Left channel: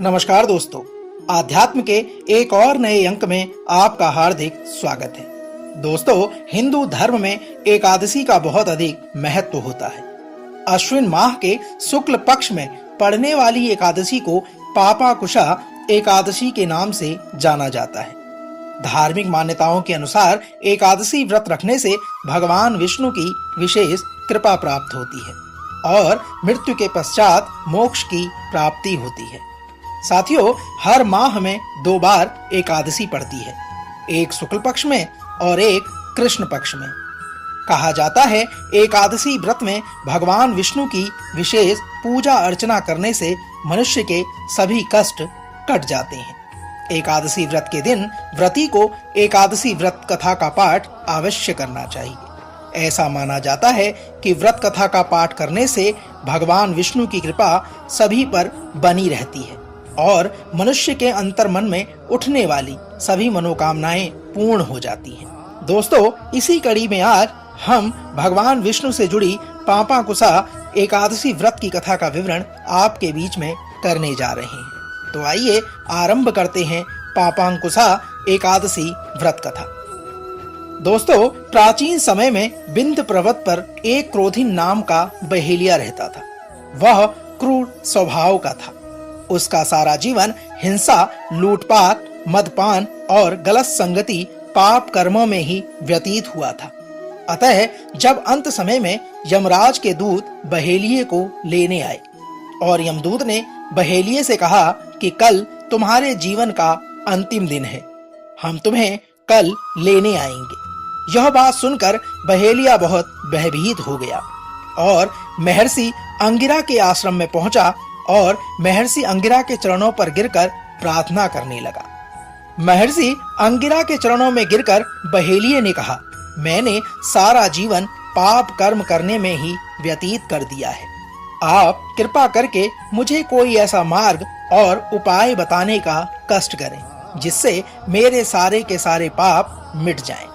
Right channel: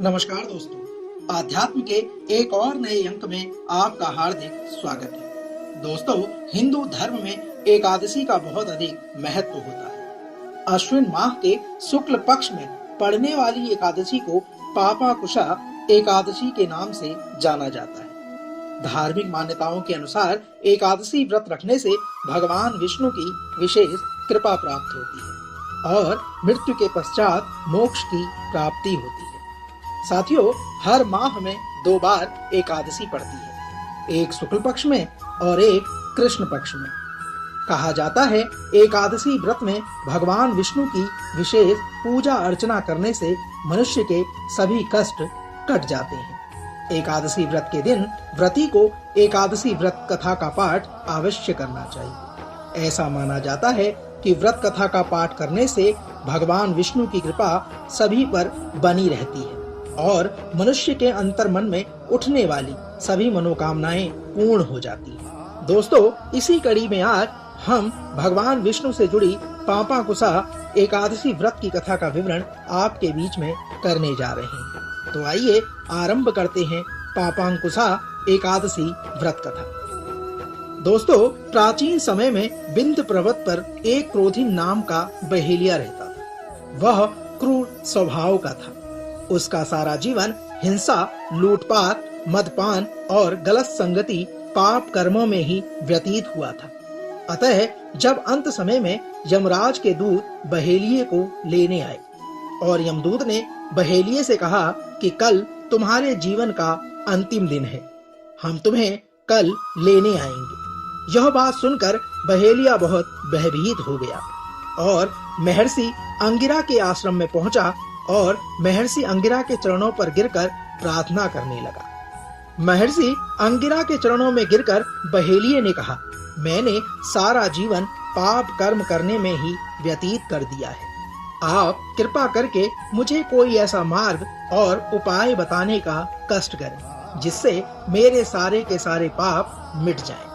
नमस्कार दोस्तों, आध्यात्म के एक और नए अंक में आपका हार्दिक स्वागत है। दोस्तों, हिंदू धर्म में एकादशी का बहुत अधिक महत्व होता है। अश्विन माह के शुक्ल पक्ष में पड़ने वाली एकादशी को पापांकुशा एकादशी के नाम से जाना जाता है। धार्मिक मान्यताओं के अनुसार एकादशी व्रत रखने से भगवान विष्णु की विशेष कृपा प्राप्त होती है और मृत्यु के पश्चात मोक्ष की प्राप्ति होती है। साथियों, हर माह में 2 बार एकादशी पड़ती है, एक शुक्ल पक्ष में और एक कृष्ण पक्ष में। कहा जाता है एकादशी व्रत में भगवान विष्णु की विशेष पूजा अर्चना करने से मनुष्य के सभी कष्ट कट जाते हैं। एकादशी व्रत के दिन व्रती को एकादशी व्रत कथा का पाठ अवश्य करना चाहिए। ऐसा माना जाता है कि व्रत कथा का पाठ करने से भगवान विष्णु की कृपा सभी पर बनी रहती है और मनुष्य के अंतर्मन में उठने वाली सभी मनोकामनाएं पूर्ण हो जाती हैं। दोस्तों, इसी कड़ी में आज हम भगवान विष्णु से जुड़ी पापांकुशा एकादशी व्रत की कथा का विवरण आपके बीच में करने जा रहे हैं। तो आइए आरंभ करते हैं पापांकुशा एकादशी व्रत कथा। दोस्तों, प्राचीन समय में बिंद पर्वत पर एक क्रोधिन नाम का बहेलिया रहता था। वह क्रूर स्वभाव का था। उसका सारा जीवन हिंसा, लूटपाट, मदपान और गलत संगति पाप कर्मों में ही व्यतीत हुआ था। अतः जब अंत समय में यमराज के दूत बहेलिये को लेने आए और यमदूत ने बहेलिये से कहा कि कल तुम्हारे जीवन का अंतिम दिन है, हम तुम्हें कल लेने आएंगे। यह बात सुनकर बहेलिया बहुत भयभीत हो गया और महर्षि अंगिरा के आश्रम में पहुंचा और महर्षि अंगिरा के चरणों पर गिरकर प्रार्थना करने लगा। महर्षि अंगिरा के चरणों में गिरकर बहेलिये ने कहा, मैंने सारा जीवन पाप कर्म करने में ही व्यतीत कर दिया है। आप कृपा करके मुझे कोई ऐसा मार्ग और उपाय बताने का कष्ट करें जिससे मेरे सारे के सारे पाप मिट जाएं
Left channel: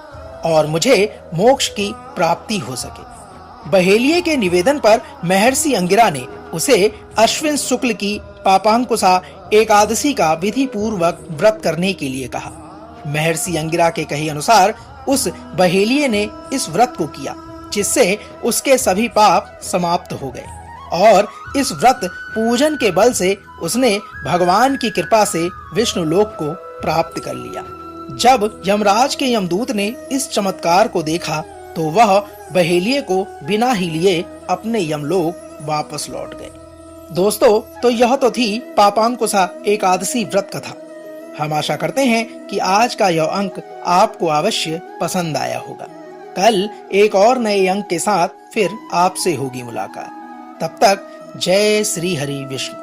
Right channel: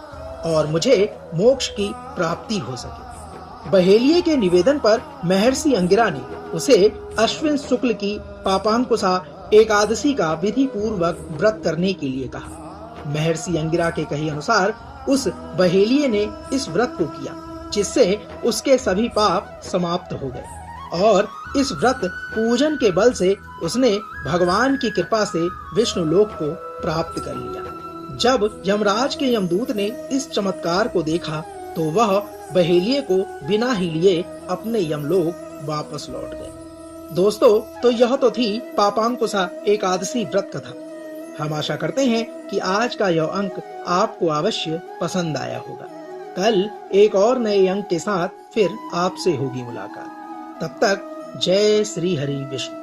और मुझे मोक्ष की प्राप्ति हो सके। बहेलिये के निवेदन पर महर्षि अंगिरा ने उसे अश्विन शुक्ल की पापांकुशा एकादशी का विधि पूर्वक व्रत करने के लिए कहा। महर्षि अंगिरा के कहे अनुसार उस बहेलिये ने इस व्रत को किया, जिससे उसके सभी पाप समाप्त हो गए और इस व्रत पूजन के बल से उसने भगवान की कृपा से विष्णु लोक को प्राप्त कर लिया। जब यमराज के यमदूत ने इस चमत्कार को देखा तो वह बहेलिये को बिना ही लिए अपने यमलोक वापस लौट गए। दोस्तों, तो यह तो थी पापांकुशा एकादशी व्रत कथा। हम आशा करते हैं कि आज का यह अंक आपको अवश्य पसंद आया होगा। कल एक और नए अंक के साथ फिर आपसे होगी मुलाकात। तब तक जय श्री हरि विष्णु।